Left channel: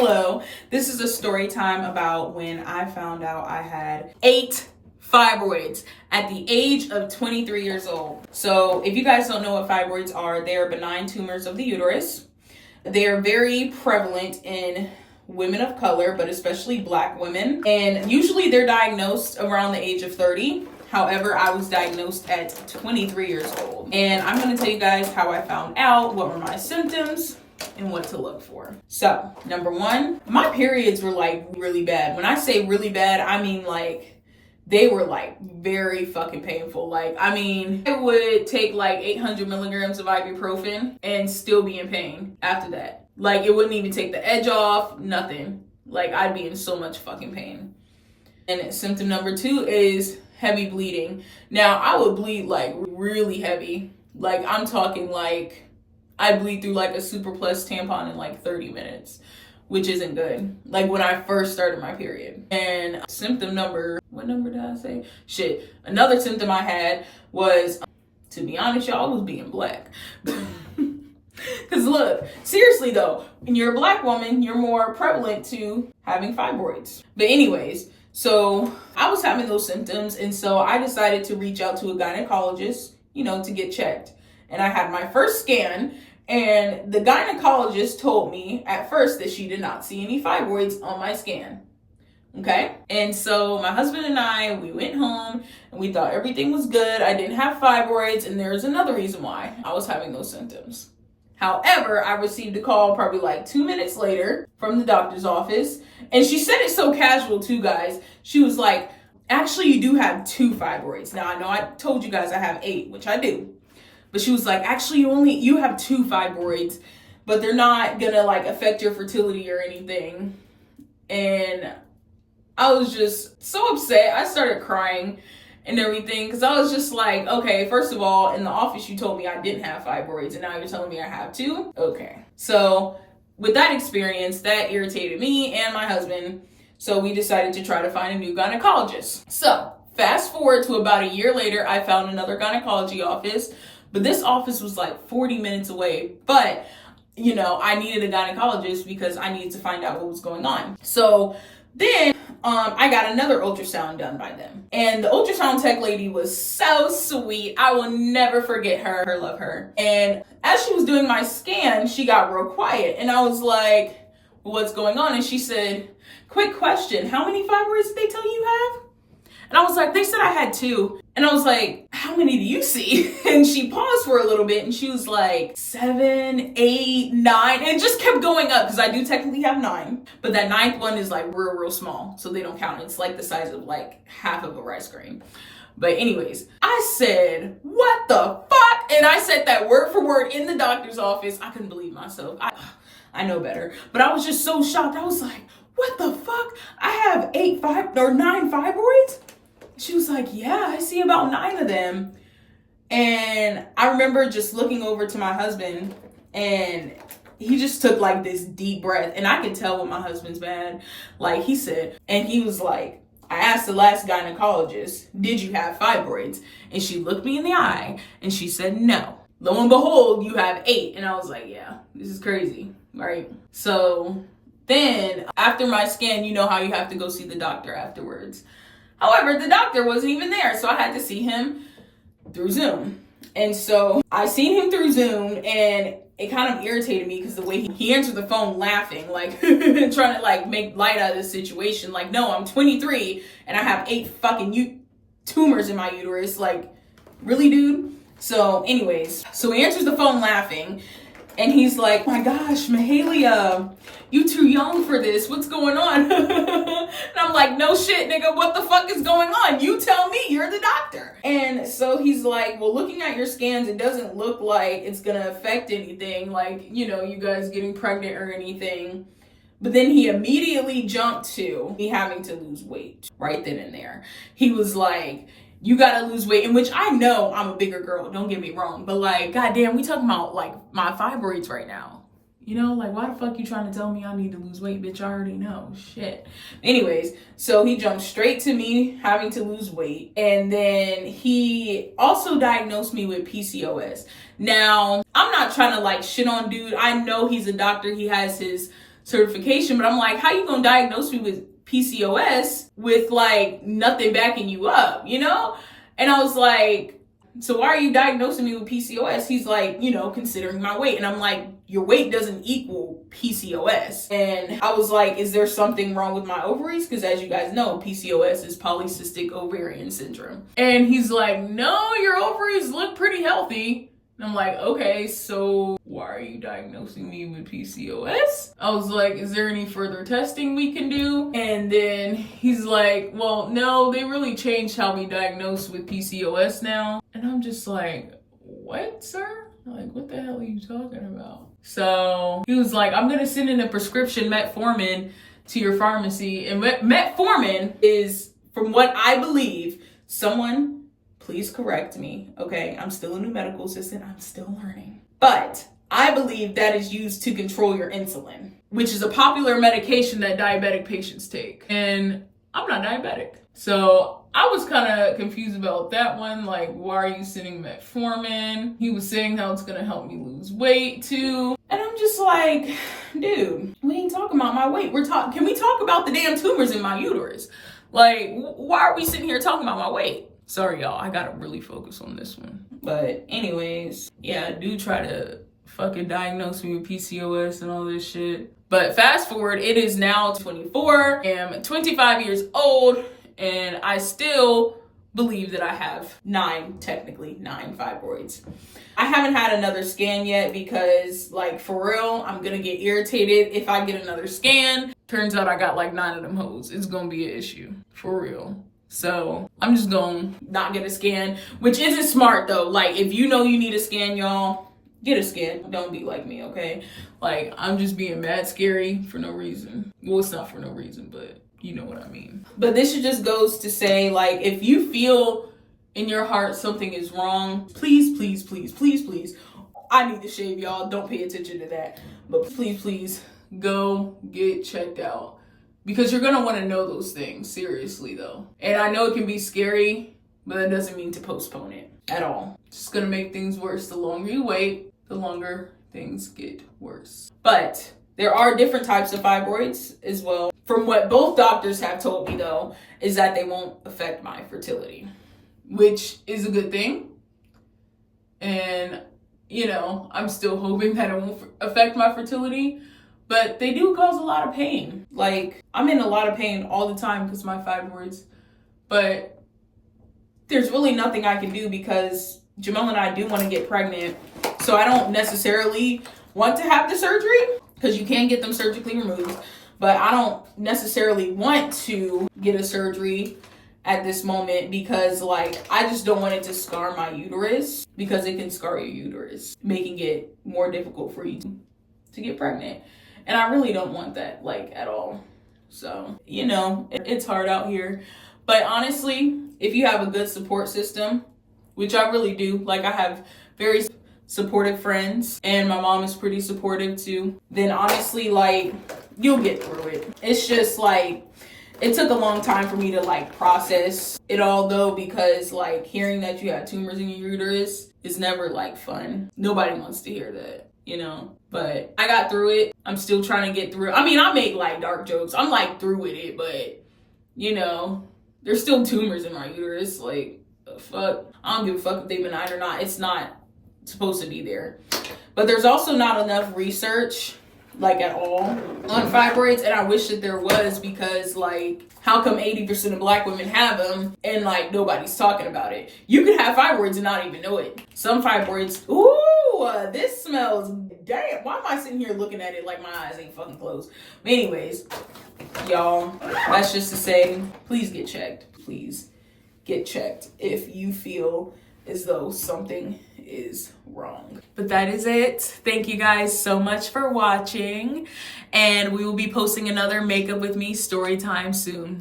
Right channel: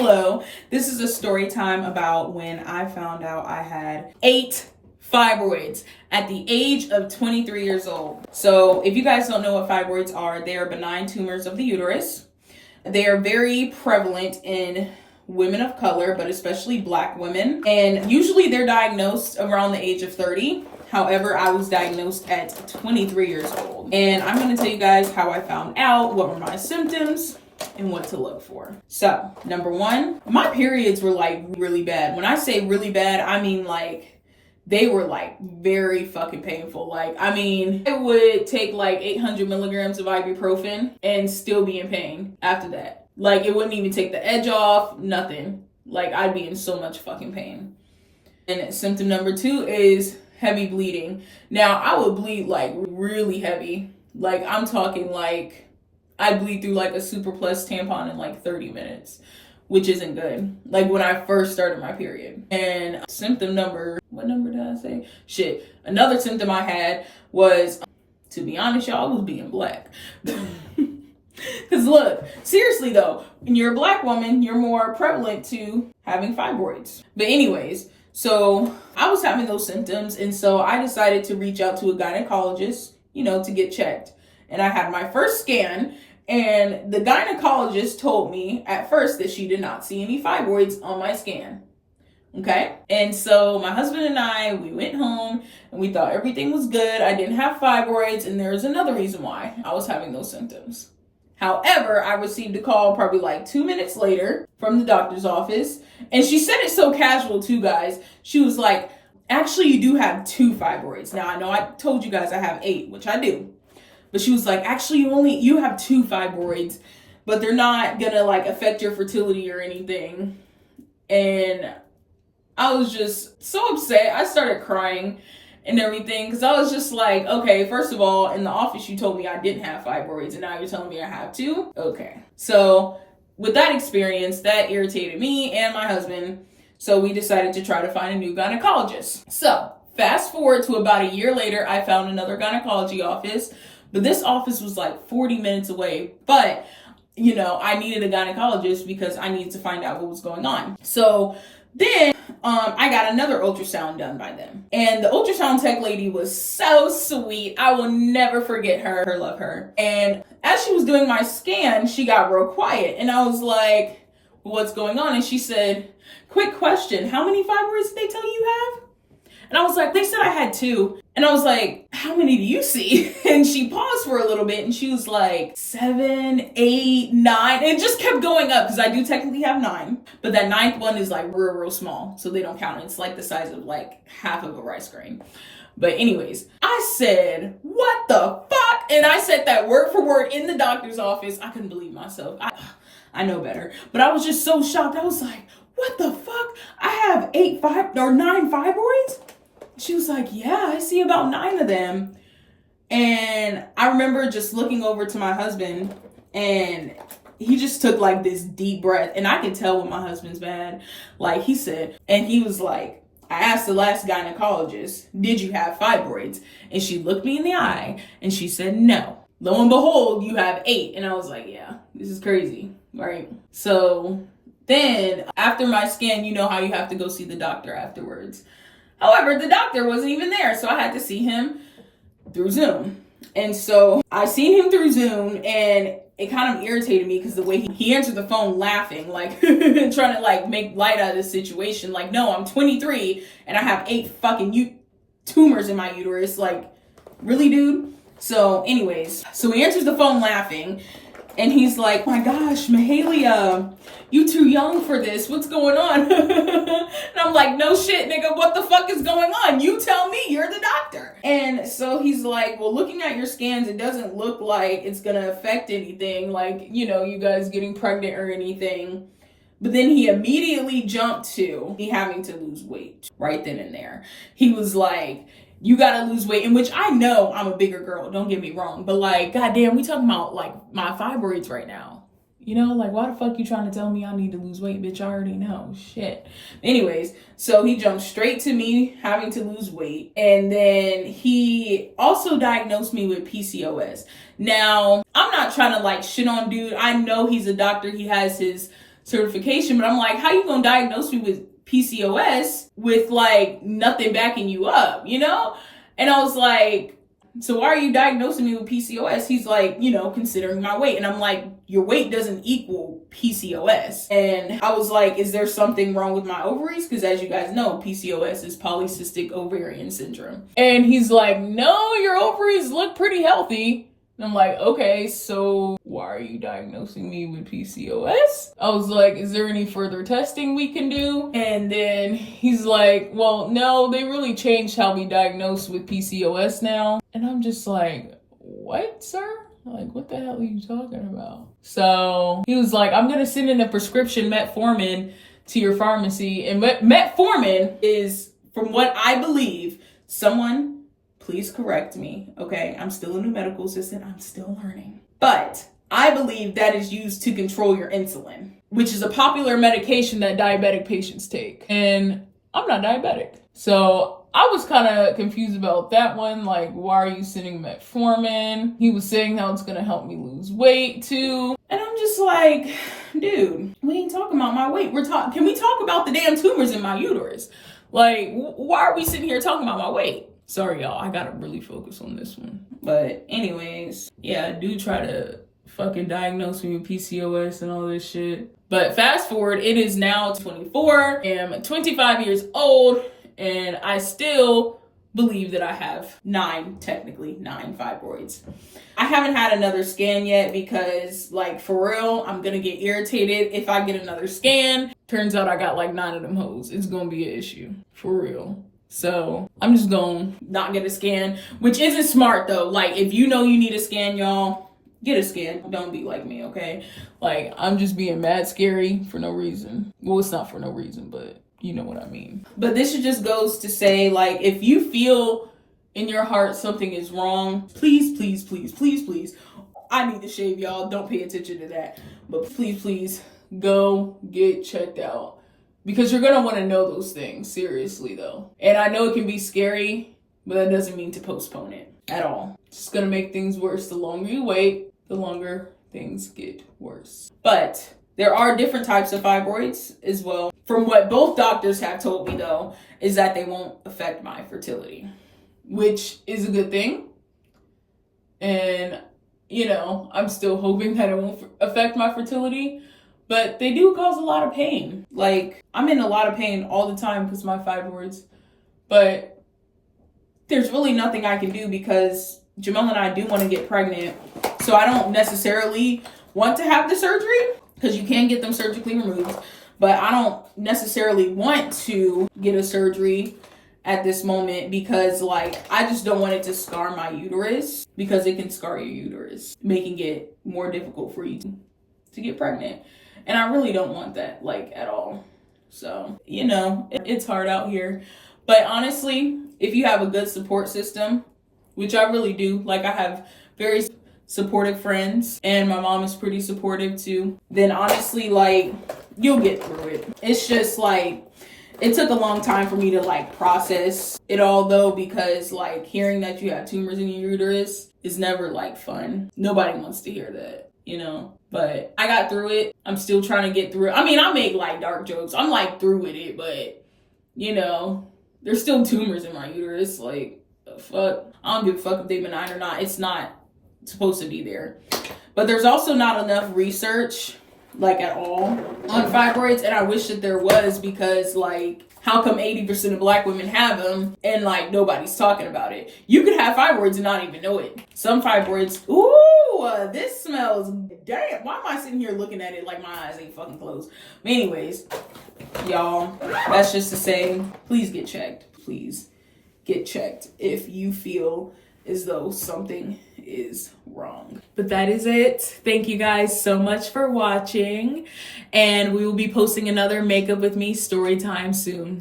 Hello, this is a story time about when I found out I had 8 fibroids at the age of 23 years old. So if you guys don't know what fibroids are, they are benign tumors of the uterus. They are very prevalent in women of color, but especially Black women. And usually they're diagnosed around the age of 30. However, I was diagnosed at 23 years old. And I'm going to tell you guys how I found out, what were my symptoms, and what to look for. So, number one, my periods were like really bad. When I say really bad, I mean like they were like very fucking painful. Like, I mean, it would take like 800 milligrams of ibuprofen and still be in pain after that. Like, it wouldn't even take the edge off, nothing. Like, I'd be in so much fucking pain. And symptom number 2 is heavy bleeding. Now, I would bleed like really heavy. Like, I'm talking like I bleed through like a Super Plus tampon in like 30 minutes, which isn't good. Like when I first started my period. And symptom number, what number did I say? Shit. Another symptom I had was, to be honest, y'all, I was being Black. Because look, seriously though, when you're a Black woman, you're more prevalent to having fibroids. But anyways, so I was having those symptoms. And so I decided to reach out to a gynecologist, to get checked. And I had my first scan, and the gynecologist told me at first that she did not see any fibroids on my scan. Okay? And so my husband and I, we went home and we thought everything was good. I didn't have fibroids, and there's another reason why I was having those symptoms. However, I received a call probably like 2 minutes later from the doctor's office, and she said it so casual too, guys. She was like, actually, you do have 2 fibroids. Now, I know I told you guys I have 8, which I do. But she was like, actually, you have 2 fibroids, but they're not gonna like affect your fertility or anything. And I was just so upset. I started crying and everything because I was just like, okay, first of all, in the office you told me I didn't have fibroids, and now you're telling me I have 2? Okay. So with that experience, that irritated me and my husband. So we decided to try to find a new gynecologist. So fast forward to about a year later, I found another gynecology office. But this office was like 40 minutes away. But, I needed a gynecologist because I needed to find out what was going on. So then I got another ultrasound done by them. And the ultrasound tech lady was so sweet. I will never forget her. Love her. And as she was doing my scan, she got real quiet. And I was like, what's going on? And she said, quick question. How many fibroids did they tell you have? And I was like, they said I had 2. And I was like, how many do you see? And she paused for a little bit and she was like 7, 8, 9. And it just kept going up because I do technically have 9. But that 9th one is like real small. So they don't count. It's like the size of like half of a rice grain. But anyways, I said, what the fuck? And I said that word for word in the doctor's office. I couldn't believe myself. I know better. But I was just so shocked. I was like, what the fuck? I have 9 fibroids? She was like, yeah, I see about 9 of them. And I remember just looking over to my husband, and he just took like this deep breath. And I could tell when my husband's bad. Like he said, and he was like, I asked the last gynecologist, did you have fibroids? And she looked me in the eye and she said, no. Lo and behold, you have 8. And I was like, yeah, this is crazy, right? So then after my scan, you know how you have to go see the doctor afterwards. However, the doctor wasn't even there, so I had to see him through Zoom. And so I seen him through Zoom, and it kind of irritated me because the way he answered the phone laughing, like trying to like make light out of the situation. Like, no, I'm 23 and I have 8 fucking tumors in my uterus. Like, really, dude? So anyways, so he answers the phone laughing. And he's like, my gosh, Mahalia, you too young for this. What's going on? And I'm like, no shit, nigga. What the fuck is going on? You tell me. You're the doctor. And so he's like, well, looking at your scans, it doesn't look like it's going to affect anything. Like, you guys getting pregnant or anything. But then he immediately jumped to me having to lose weight right then and there. He was like, you gotta lose weight, in which I know I'm a bigger girl, don't get me wrong, but like, goddamn, we talking about like my fibroids right now. Like, why the fuck you trying to tell me I need to lose weight, bitch? I already know, shit. Anyways, so he jumped straight to me having to lose weight, and then he also diagnosed me with PCOS. Now, I'm not trying to like shit on dude. I know he's a doctor. He has his certification, but I'm like, how you gonna diagnose me with PCOS with like nothing backing you up, you know? And I was like, so why are you diagnosing me with PCOS? He's like, you know, considering my weight. And I'm like, your weight doesn't equal PCOS. And I was like, is there something wrong with my ovaries? Because as you guys know, PCOS is polycystic ovarian syndrome. And he's like, no, your ovaries look pretty healthy. And I'm like, okay, so why are you diagnosing me with PCOS? I was like, is there any further testing we can do? And then he's like, well, no, they really changed how we diagnose with PCOS now. And I'm just like, what, sir? Like, what the hell are you talking about? So he was like, I'm gonna send in a prescription metformin to your pharmacy. And metformin is, from what I believe, someone, please correct me, okay? I'm still a new medical assistant. I'm still learning. But I believe that is used to control your insulin, which is a popular medication that diabetic patients take. And I'm not diabetic. So I was kind of confused about that one. Like, why are you sending metformin? He was saying how it's going to help me lose weight too. And I'm just like, dude, we ain't talking about my weight. Can we talk about the damn tumors in my uterus? Like, why are we sitting here talking about my weight? Sorry, y'all. I gotta really focus on this one. But anyways, yeah, do try to fucking diagnose me with PCOS and all this shit. But fast forward, it is now 24. I'm 25 years old, and I still believe that I have technically nine fibroids. I haven't had another scan yet because, like, for real, I'm gonna get irritated if I get another scan. Turns out I got like 9 of them hoes. It's gonna be an issue. For real. So I'm just gonna not get a scan, which isn't smart though. Like, if you know you need a scan, y'all, get a scan. Don't be like me, okay? Like, I'm just being mad scary for no reason. Well, it's not for no reason, but you know what I mean. But this just goes to say, like, if you feel in your heart something is wrong, please, please, please, please, please. I need to shave, y'all. Don't pay attention to that. But please, please go get checked out. Because you're going to want to know those things, seriously, though. And I know it can be scary, but that doesn't mean to postpone it at all. It's just going to make things worse. The longer you wait, the longer things get worse. But there are different types of fibroids as well. From what both doctors have told me, though, is that they won't affect my fertility, which is a good thing. And, you know, I'm still hoping that it won't affect my fertility. But they do cause a lot of pain. Like, I'm in a lot of pain all the time because of my fibroids. But there's really nothing I can do because Jamel and I do want to get pregnant. So I don't necessarily want to have the surgery because you can get them surgically removed. But I don't necessarily want to get a surgery at this moment because, like, I just don't want it to scar my uterus because it can scar your uterus, making it more difficult for you to get pregnant. And I really don't want that, like, at all. So, you know, it's hard out here. But honestly, if you have a good support system, which I really do, like, I have very supportive friends and my mom is pretty supportive too, then honestly, like, you'll get through it. It's just like, it took a long time for me to like process it all though, because like hearing that you have tumors in your uterus is never like fun. Nobody wants to hear that, you know? But I got through it. I'm still trying to get through it. I mean, I make like dark jokes. I'm like through with it, but you know, there's still tumors in my uterus. Like, fuck. I don't give a fuck if they're benign or not. It's not supposed to be there. But there's also not enough research, like at all, on fibroids. And I wish that there was, because like, how come 80% of Black women have them and like nobody's talking about it? You could have fibroids and not even know it. Some fibroids, ooh, this smells, damn, why am I sitting here looking at it like my eyes ain't fucking closed? But anyways, y'all, that's just to say, please get checked. Please get checked if you feel as though something is wrong. But that is it. Thank you guys so much for watching, and we will be posting another Makeup with Me story time soon.